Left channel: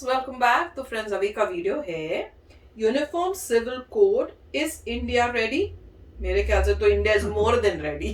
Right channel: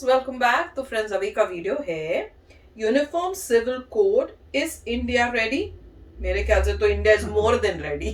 friends, welcome back. तो friends अभी का वीडियो है uniform civil code is India ready? मेरे ख्याल से तो India is more than ready.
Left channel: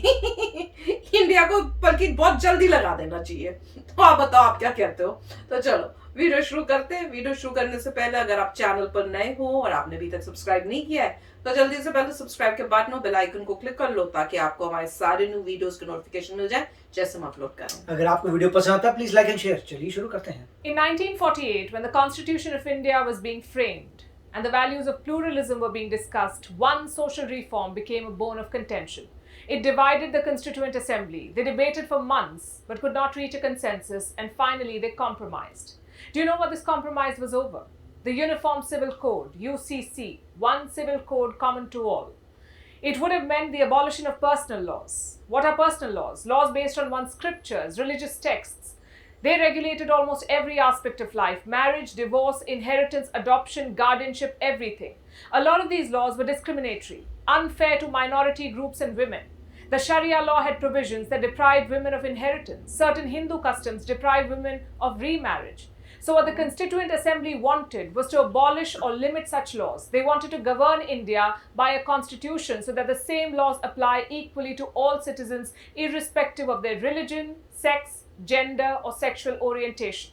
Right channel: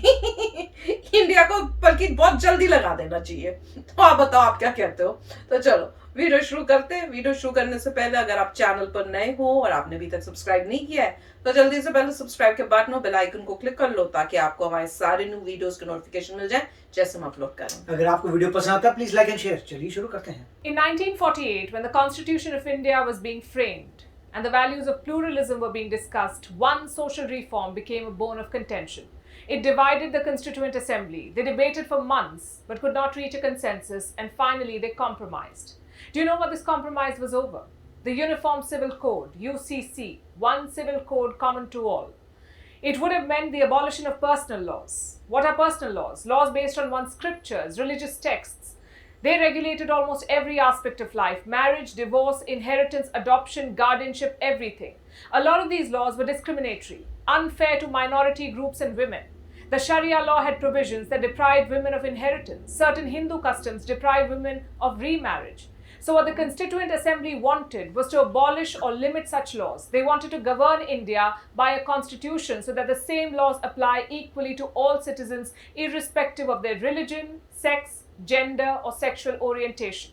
India को बल्कि बहुत जल्दी लगा देना चाहिए। तो आप बताओ, आप क्या कहते हो? तो चलो वीडियो शुरू करते हैं। वीडियो शुरू करने से पहले अगर आप चैनल पर नए हो और आपने अभी तक सब्सक्राइब नहीं किया है तो जल्दी से पहले सब्सक्राइब के बटन और बेल आइकन को क्लिक कर लो ताकि आपको हमारे सारे न्यू वीडियोस के नोटिफिकेशन मिल जाए जैसे हम अपलोड करें। अगर आपको वीडियो पसंद आता है प्लीज लाइक एंड शेयर। चलिए शुरू करते हैं। In 1948, when the Constitution of India was being framed and the values of pluralism were being discussed, one social reform became a bone of contention. It divided the Constituent Assembly. They debated for months but could not reach a consensus, and finally they compromised. Do you know what this compromise was over? The Uniform Civil Code, UCC, one civil code common to all. It would have meant the abolition of personal laws. What are personal laws? Laws based on one's scriptures, religious texts. They regulated almost every aspect of life: marriage, divorce, inheritance, adoption, guardianship, everything. A lot of these laws were discriminatory, unfair to minority groups and women. The Sharia law had provisions that deprived women of inheritance. Certain Hindu customs deprived women of remarriage. So what the Constituent Assembly wanted was to abolish or limit such laws. They wanted to govern India by a constitution so that the same laws apply equally to all citizens, irrespective of their religion, sex, gender, or sexual orientation.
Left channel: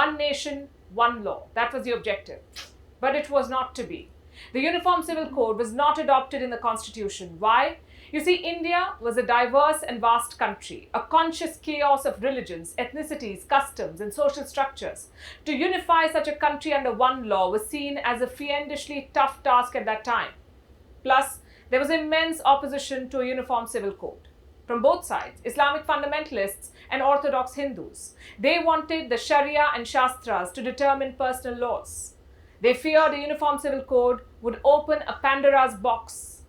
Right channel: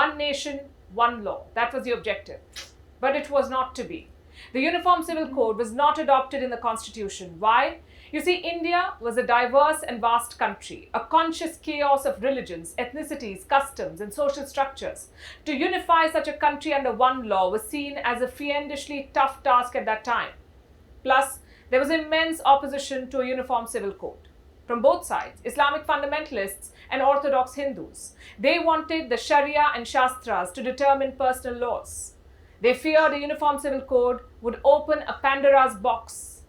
One nation, one law. That was the objective. But it was not to be. The Uniform Civil Code was not adopted in the Constitution. Why? You see, India was a diverse and vast country, a conscious chaos of religions, ethnicities, customs, and social structures. To unify such a country under one law was seen as a fiendishly tough task at that time. Plus, there was immense opposition to a uniform civil code. From both sides, Islamic fundamentalists and Orthodox Hindus. They wanted the Sharia and Shastras to determine personal laws. They feared a uniform civil code would open a Pandora's box.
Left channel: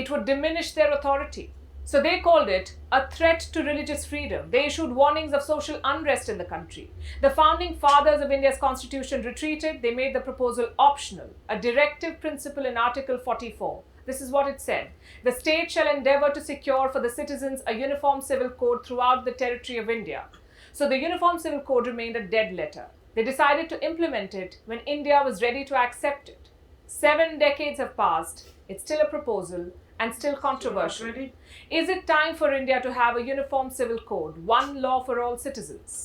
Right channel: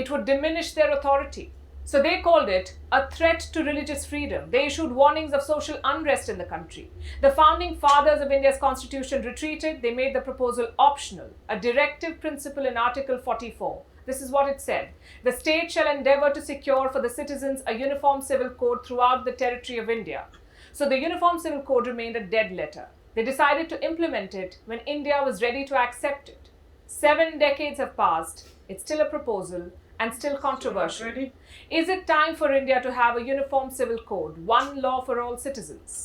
It would diminish their authority. So they called it a threat to religious freedom. They issued warnings of social unrest in the country. The founding fathers of India's constitution retreated. They made the proposal optional, a directive principle in Article 44. This is what it said: the state shall endeavor to secure for the citizens a uniform civil code throughout the territory of India. So the Uniform Civil Code remained a dead letter. They decided to implement it when India was ready to accept it. 7 decades have passed. It's still a proposal and still controversial. Is it time for India to have a uniform civil code, one law for all citizens?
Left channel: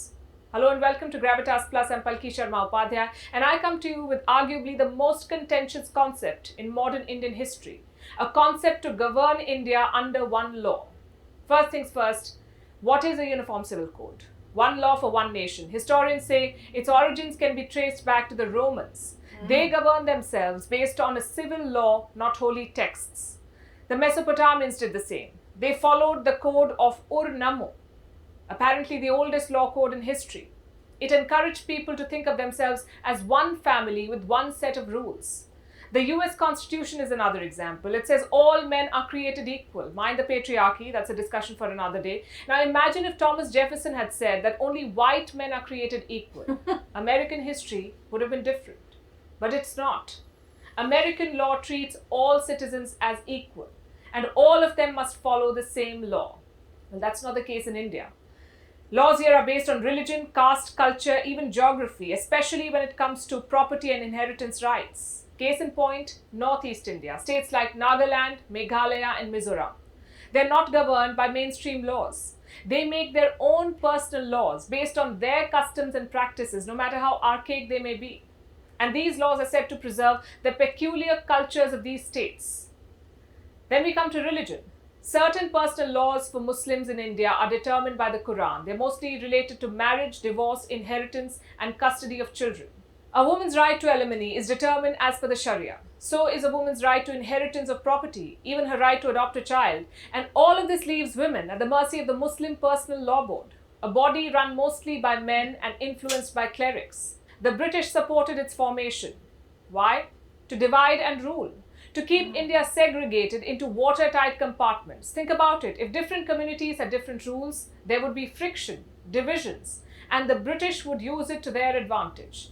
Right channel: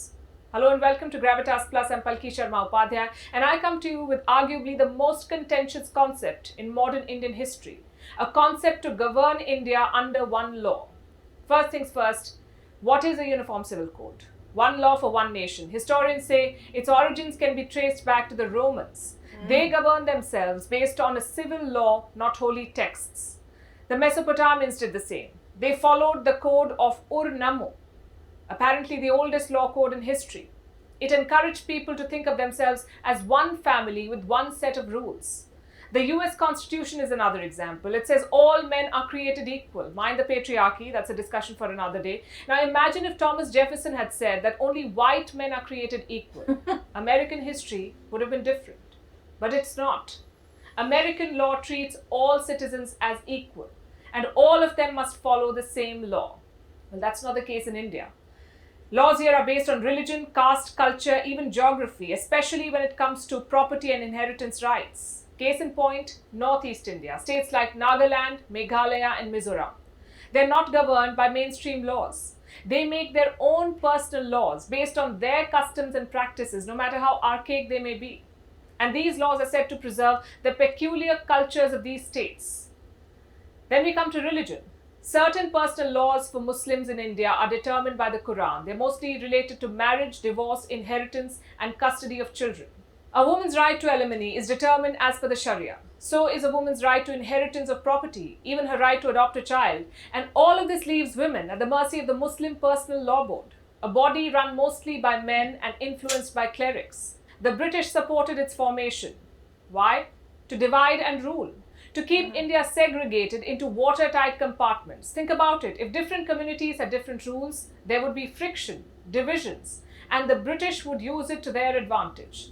Hello and welcome to Gravitas Plus. I'm Palki Sharma Upadhyay, and I come to you with arguably the most contentious concept in modern Indian history, a concept to govern India under one law. First things first, what is a uniform civil code? One law for one nation. Historians say its origins can be traced back to the Romans. They governed themselves based on a civil law, not holy texts. The Mesopotamians did the same. They followed the code of Ur-Nammu, apparently the oldest law code in history. It encouraged people to think of themselves as one family with one set of rules. The US Constitution is another example. It says all men are created equal. Mind the patriarchy, that's a discussion for another day. Now imagine if Thomas Jefferson had said that only white men are created equal. American history would have been different. But it's not. American law treats all citizens as equal, and all of them must follow the same law. Well, that's not the case in India. Laws here are based on religion, caste, culture, even geography, especially when it comes to property and inheritance rights. Case in point, Northeast India, states like Nagaland, Meghalaya, and Mizoram. They're not governed by mainstream laws. They make their own personal laws based on their customs and practices, no matter how archaic they may be. And these laws are said to preserve the peculiar cultures of these states. Then we come to religion. Certain personal laws for Muslims in India are determined by the Quran. They're mostly related to marriage, divorce, inheritance, and custody of children. A woman's right to alimony is determined as per the Sharia. So is a woman's right to inheritance of property, even her right to adopt a child. And all of this leaves women at the mercy of the Muslim Personal Law Board, a body run mostly by men and influenced by clerics. The British supported its formation. Why? To divide and rule. To keep India segregated into watertight compartments. Think about it. If different communities had different rules, there would be friction, divisions, and the British would use it to their advantage.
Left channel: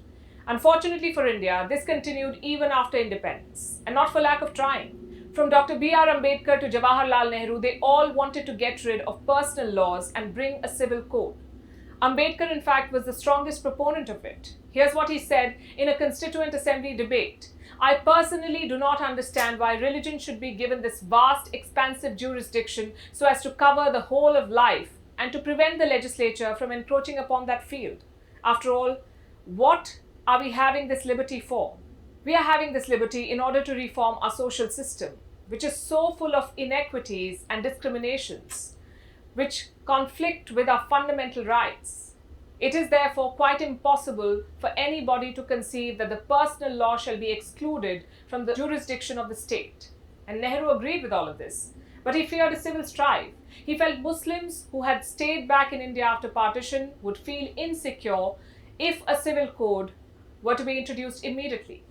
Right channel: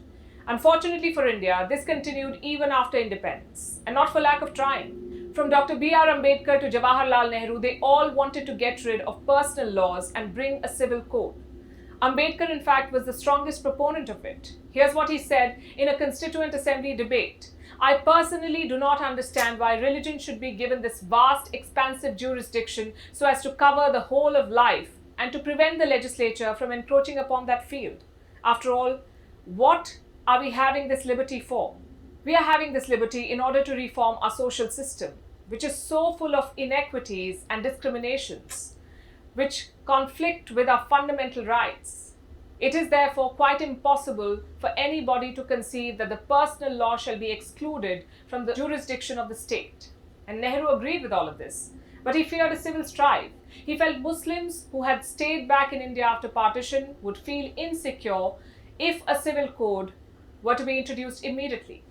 Unfortunately for India, this continued even after independence, and not for lack of trying. From Dr. B.R. Ambedkar to Jawaharlal Nehru, they all wanted to get rid of personal laws and bring a civil code. Ambedkar, in fact, was the strongest proponent of it. Here's what he said in a Constituent Assembly debate. I personally do not understand why religion should be given this vast, expansive jurisdiction so as to cover the whole of life and to prevent the legislature from encroaching upon that field. After all, what are we having this liberty for? We are having this liberty in order to reform our social system, which is so full of inequities and discriminations, which conflict with our fundamental rights. It is therefore quite impossible for anybody to conceive that the personal law shall be excluded from the jurisdiction of the state. And Nehru agreed with all of this. But he feared a civil strife. He felt Muslims who had stayed back in India after partition would feel insecure if a civil code were to be introduced immediately.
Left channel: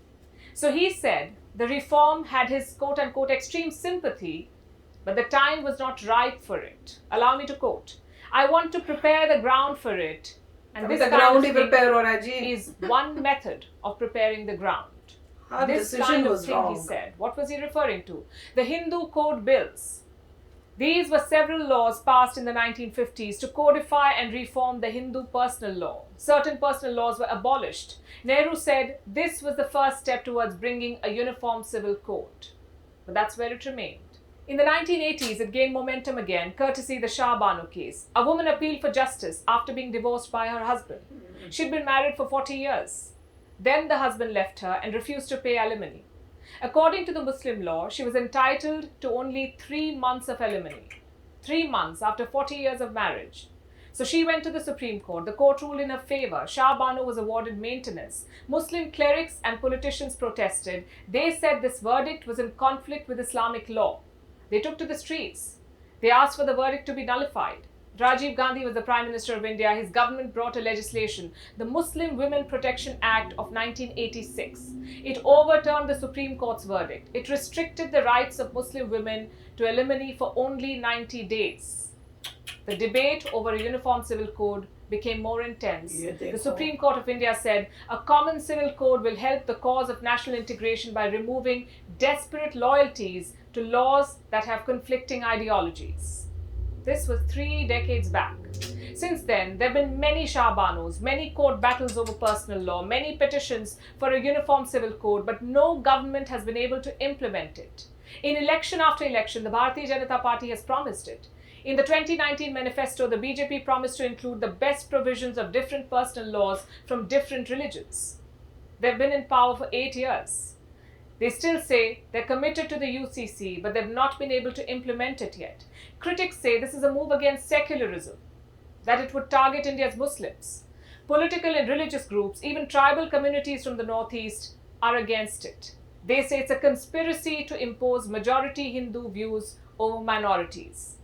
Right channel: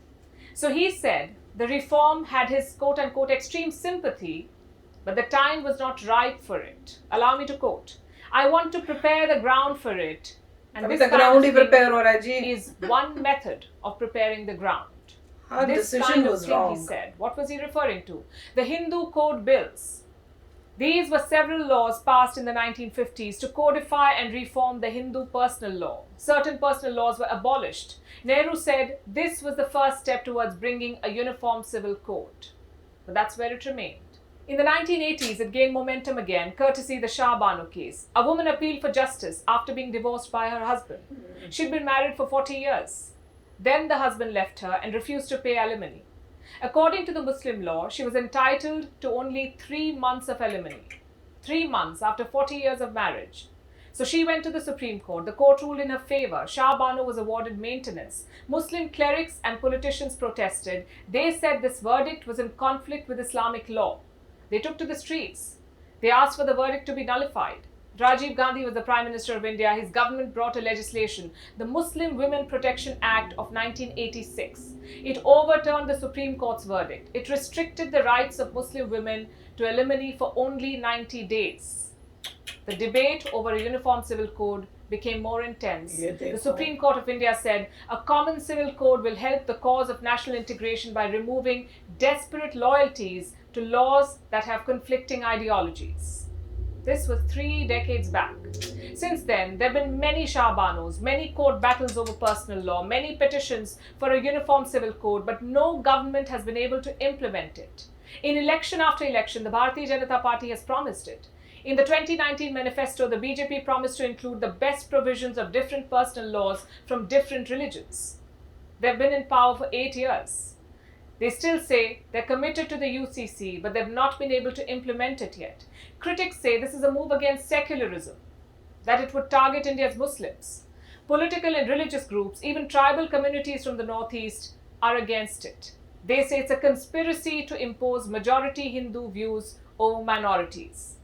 So he said the reform had his quote-unquote extreme sympathy, but the time was not ripe for it. Allow me to quote, I want to prepare the ground for it, and this kind of thing is one method of preparing the ground. This kind of thing, he said. What was he referring to? The Hindu Code Bills. These were several laws passed in the 1950s to codify and reform the Hindu personal law. Certain personal laws were abolished. Nehru said this was the first step towards bringing a uniform civil code. But that's where it remained. In the 1980s, it gained momentum again, courtesy the Shah Bano case. A woman appealed for justice after being divorced by her husband. She'd been married for 40 years. Then the husband left her and refused to pay alimony. According to the Muslim law, she was entitled to only 3 months of alimony. 3 months after 40 years of marriage. So she went to the Supreme Court. The court ruled in her favor. Shah Bano was awarded maintenance. Muslim clerics and politicians protested. They said this verdict was in conflict with Islamic law. They took to the streets. They asked for the verdict to be nullified. Rajiv Gandhi was the Prime Minister of India. His government brought a legislation, the Muslim Women Protection Act of 1986. It overturned the Supreme Court's verdict. It restricted the rights of Muslim women to alimony for only 90 days. The debate over a uniform civil code became more intense. The Supreme Court of India said a common civil code will help the cause of national integration by removing desperate loyalties to laws that have conflicting ideologies. This was 3 decades back. Since then, there have been many Shah Banos, many court battles over personal law, many petitions for a uniform civil code, but no government has been able to implement it. In election after election, the Bharatiya Janata Party has promised it. In the 2019 manifesto, the BJP promised to include the best provisions of different personal laws from different religions. They've been in power for 8 years. They still say they're committed to the UCC, but they've not been able to implement it yet. Critics say this is a move against secularism, that it would target India's Muslims. Political and religious groups, even tribal communities from the Northeast, are against it. They say it's a conspiracy to impose majority Hindu views over minorities.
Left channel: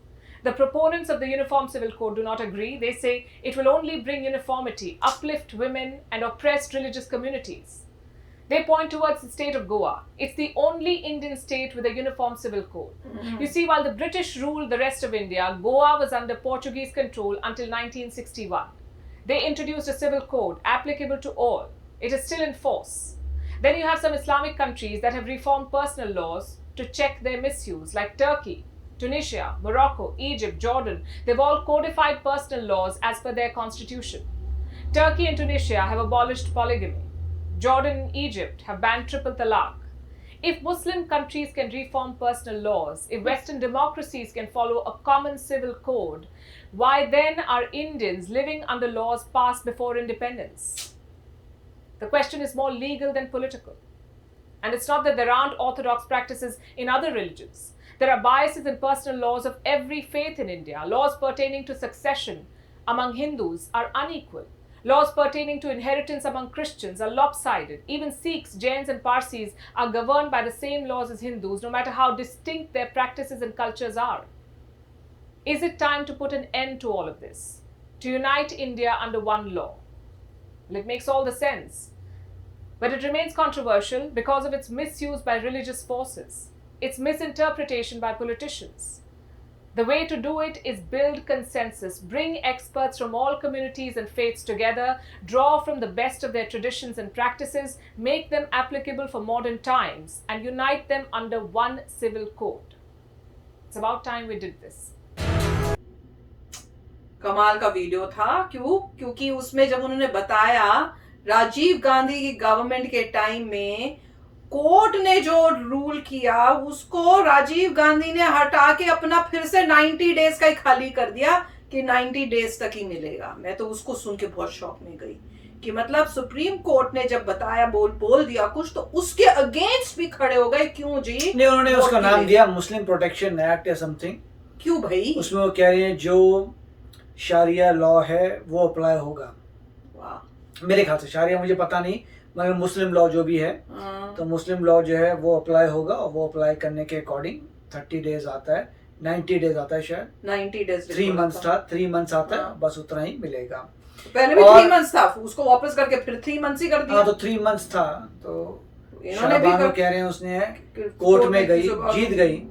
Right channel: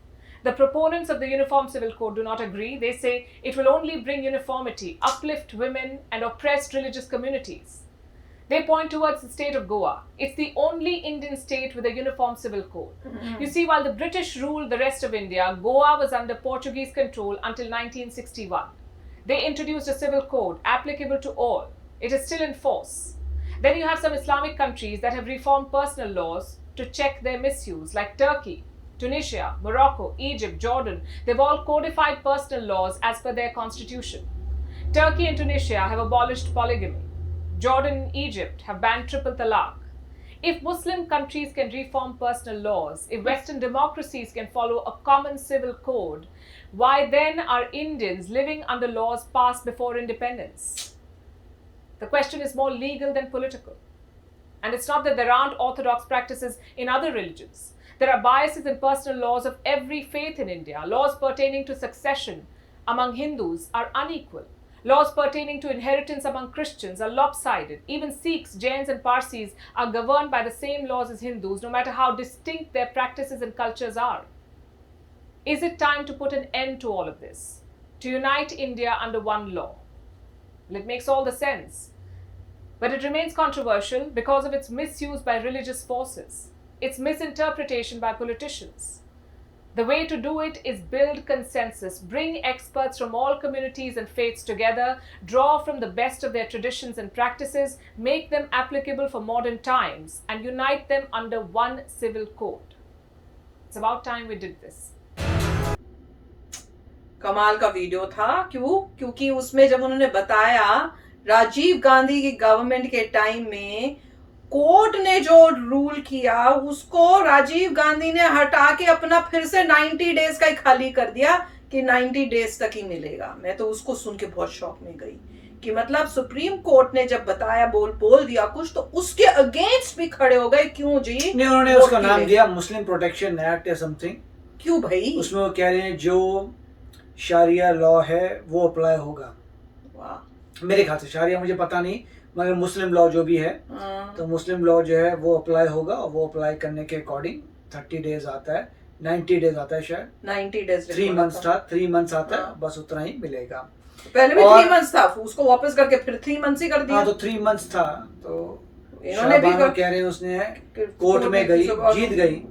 The proponents of the Uniform Civil Code do not agree. They say it will only bring uniformity, uplift women and oppressed religious communities. They point towards the state of Goa. It's the only Indian state with a uniform civil code. You see, while the British ruled the rest of India, Goa was under Portuguese control until 1961. They introduced a civil code applicable to all. It is still in force. Then you have some Islamic countries that have reformed personal laws to check their misuse, like Turkey, Tunisia, Morocco, Egypt, Jordan. They've all codified personal laws as per their constitution. Turkey and Tunisia have abolished polygamy. Jordan and Egypt have banned triple talaq. If Muslim countries can reform personal laws, if Western democracies can follow a common civil code, why then are Indians living under laws passed before independence? The question is more legal than political. And it's not that there aren't orthodox practices in other religions. There are biases in personal laws of every faith in India. Laws pertaining to succession among Hindus are unequal. Laws pertaining to inheritance among Christians are lopsided. Even Sikhs, Jains and Parsis are governed by the same laws as Hindus, no matter how distinct their practices and cultures are. Is it time to put an end to all of this? To unite India under one law? Well, it makes all the sense. But it remains controversial because of its misuse by religious forces, its misinterpretation by politicians. The way to do it is build consensus, bring experts from all communities and faiths together, draw from the best of their traditions and practices, make them applicable for modern times, and unite them under one civil code. It's about time we did this. कमाल का video था। क्योंकि उसमें जब उन्होंने बताया राजीव गांधी की government के टाइम में कोर्ट ने जो रूल किया उसको राजीव गांधी ने हटा के अपना फिर से 90 डेज का ही खाली कर दिया कि 90 डेज तक ही मिलेगा। मैं तो उसको सुन के बहुत शॉक में गई कि मतलब सुप्रीम कोर्ट ने जब बताया बोल दिया कुछ तो उसके अगेंस्ट भी खड़े हो गए। क्यों जी? नहीं, उन्होंने उसका नाम दिया मुस्लिम प्रोटेक्शन एक्ट या समथिंग। क्यों भाई? उसमें वो कह रहे हैं जो शारिया लॉ है वो अप्लाई होगा। वाह। मेरे ख्याल से शारिया मुझे पता नहीं, मगर मुस्लिम लॉ जो भी है तो मुस्लिम लॉ जो है वो अप्लाई होगा, और वो अप्लाई करने के अकॉर्डिंग 30 डेज आता है, 90 डेज आता है शायद, 90 डेज 3 मंथ्स था, 3 मंथ्स आता है, बस उतना ही मिलेगा। पहले भी 3 मंथ्स था, उसको वापस करके फिर 3 मंथ्स ही कर दिया। हाँ, तो 3 मंथ्स था, तो इन्होंने भी कह रहे हैं उसने कोर्ट में गई, जीत गई,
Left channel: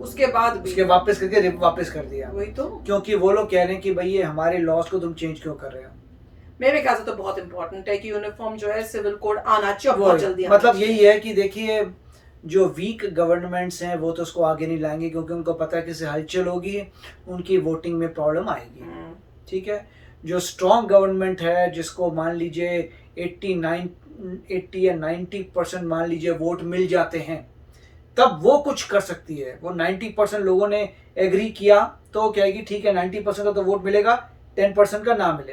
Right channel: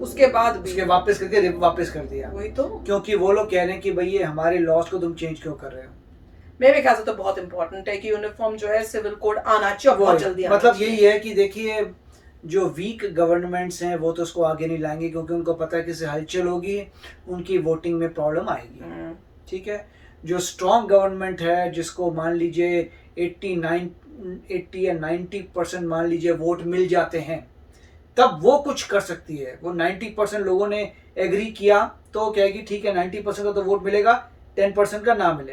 उसके बाद भी उसके वापस करके वापस कर दिया। वही तो, क्योंकि वो लोग कह रहे हैं कि भाई ये हमारे लॉज को तुम चेंज क्यों कर रहे हो। मेरे ख्याल से तो बहुत इंपॉर्टेंट है कि यूनिफॉर्म जो है सिविल कोड आना चाहिए, बहुत जल्दी आना मतलब यही है कि देखिए जो वीक गवर्नमेंट्स हैं वो तो उसको आगे नहीं लाएंगे, क्योंकि उनको पता है कि इससे हलचल होगी, उनकी वोटिंग में प्रॉब्लम आएगी। ठीक है, जो स्ट्रॉन्ग गवर्नमेंट है जिसको मान लीजिए 80 या 90% मान लीजिए वोट मिल जाते हैं, तब वो कुछ कर सकती है। वो 90% लोगों ने एग्री किया तो कहेगी ठीक है 90% का तो वोट मिलेगा, 10% का ना मिले।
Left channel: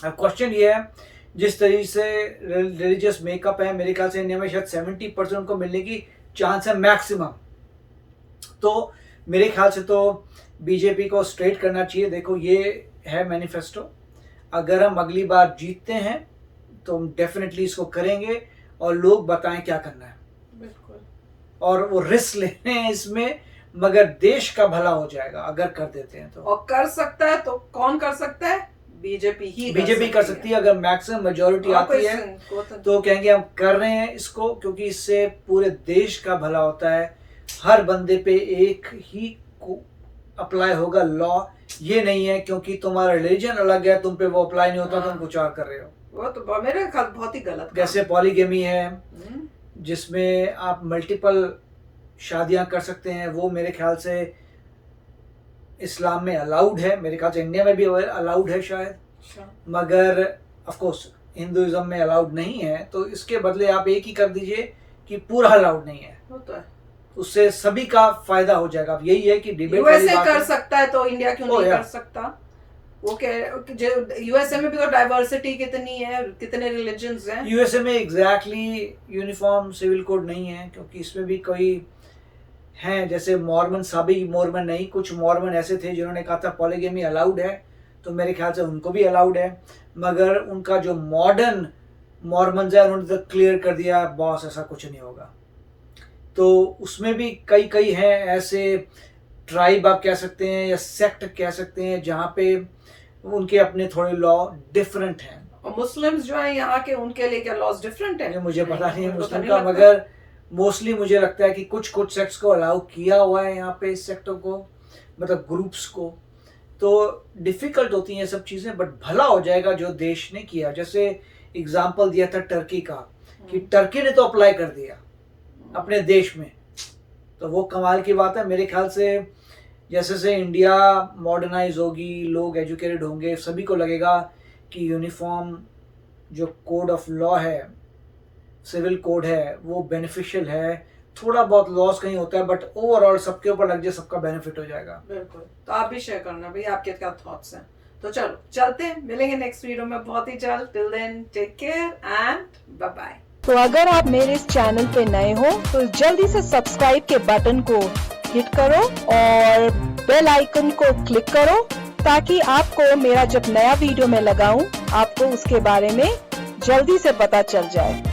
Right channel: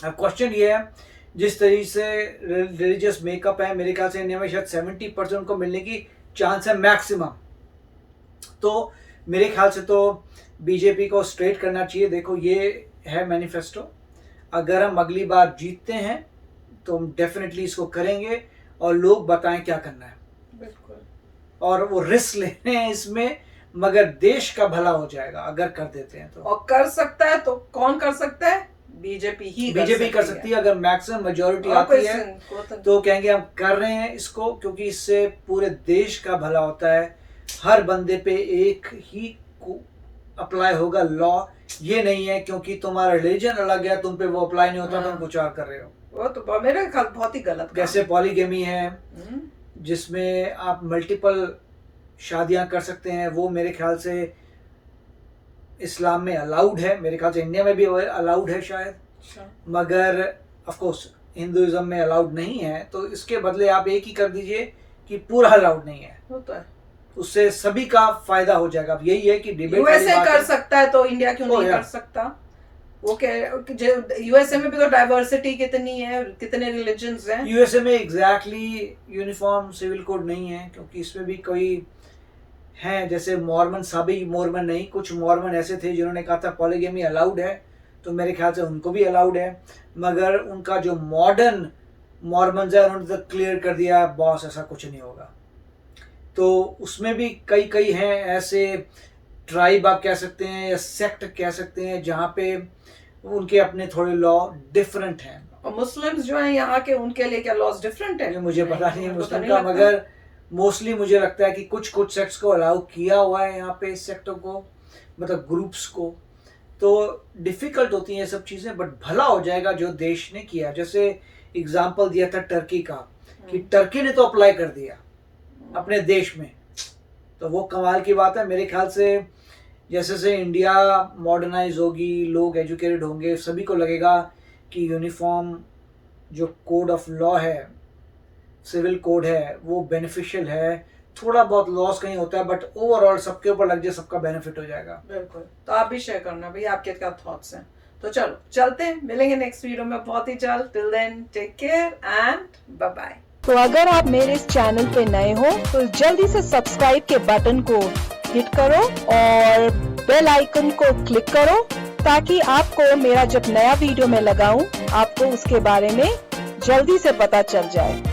अब क्वेश्चन ये है जिस तरीके से रिलीजियस मेकअप है, मेरे ख्याल से इंडिया में शायद 70% को मिलने की चांस है मैक्सिमम। तो मेरे ख्याल से तो बीजेपी को स्ट्रेट करना चाहिए। देखो ये है मैनिफेस्टो, अगर हम अगली बार जीतते हैं तो हम डेफिनेटली इसको करेंगे और लोग बताएं क्या करना है। बिल्कुल। और वो रिस्क ले रहे हैं इसमें, मगर देश का भला हो जाएगा अगर कर देते हैं तो। और कर सकता है तो कौन कर सकता है? बीजेपी कर सकती है। अगर मैक्सिमम मेजोरिटी आती है तो कहेंगे हम कर रहे हैं इसको, क्योंकि इससे पूरे देश का भला होता है। हर बंदे पे एक ही अप्लाई होगा लॉ, ये नहीं है क्योंकि तुम्हारा रिलीजन अलग है तुम पे वो अप्लाई नहीं होता, तुम कुछ और कर रहे हो। वो तो मेरे ख्याल बहुत ही गलत। जैसे पॉलीगेमी है जिसमें आप मल्टीपल शादियां कर सकते हैं, वो मेरे ख्याल से इस्लाम में अलाउड है, मेरे ख्याल से इंडिया में भी अलाउड है शायद, मगर ऑफ कोर्स हिंदुइज्म में अलाउड नहीं है। तो इसके बदले आप एक ही कर दीजिए कि पूरा अलाउड नहीं है, होता है, उससे सभी का फायदा हो जाएगा। अब यही है कि डिबेट यूएसए कर सकता है तो इंडिया क्यों नहीं कर सकता? वो कह यूएसए में भी तो डाइवर्सिटी कितनी है, कितने रिलीजन्स हैं। यूएसए में एग्जैक्टली यूनिफॉर्म सिविल कोड नहीं है, क्योंकि इसमें भी कोई हैं जैसे मॉर्मन, सभी मॉर्मन नहीं, कुछ मॉर्मन ऐसे थे जिन्होंने कहा था पॉलीगेमी अलाउड है, तो मेरे ख्याल से उनको भी अलाउड है। मगर उनका जो मॉडर्न मॉर्मन्स है उन्होंने तो क्लियर कर दिया बॉस ऐसा कुछ नहीं होगा। तो उसमें भी कई हैं ऐसे ट्राइब आप कह सकते हैं या सेक्ट कह सकते हैं जहाँ पे उनके अपने थोड़े लॉ डिफरेंट हैं। और मुस्लिम्स जो है यहाँ के, उनके लिए क्या लॉज डिफरेंट है? मुझे पता नहीं है मुस्लिम का, मगर मोस्टली मुझे लगता है कि कुछ सेक्ट्स को अलाउ किया हुआ है यहाँ पे, इस सेक्टर को, मतलब ग्रुप्स को। तो डिफिकल्ट होती हैं ये सब चीज़ें, बट भला हो जाएगा जो देश ने किया। जैसे एग्जाम्पल दिया था टर्की का, कि टर्की ने तो अप्लाई कर दिया अपने देश में, तो वो कमाल की बात है। मेरे ख्याल से जैसे इंडिया मॉडर्नाइज होगी, लोग एजुकेटेड होंगे, सभी को लगेगा कि यूनिफॉर्म जो कोड ऑफ लॉ है, सिविल कोड है, वो बेनिफिशियल है। थोड़ा बहुत लॉस कहीं होता है, बट ओवरऑल सबके ऊपर लग जाए, सबका बेनिफिट हो जाएगा। बिल्कुल। तो आप भी शेयर करना भाई, आपके क्या थॉट्स हैं। तो चलो चलते हैं, मिलेंगे नेक्स्ट वीडियो में बहुत ही जल्द। Till then take care and bye bye. तो अगर आप मेरे इस चैनल पे नए हो तो जल्दी से सब्सक्राइब के बटन को हिट करो और बेल आइकन को क्लिक करो, ताकि आपको मेरा जब नया वीडियो मैं लगाऊं आपको उसके बारे में जल्दी से पता चल जाए।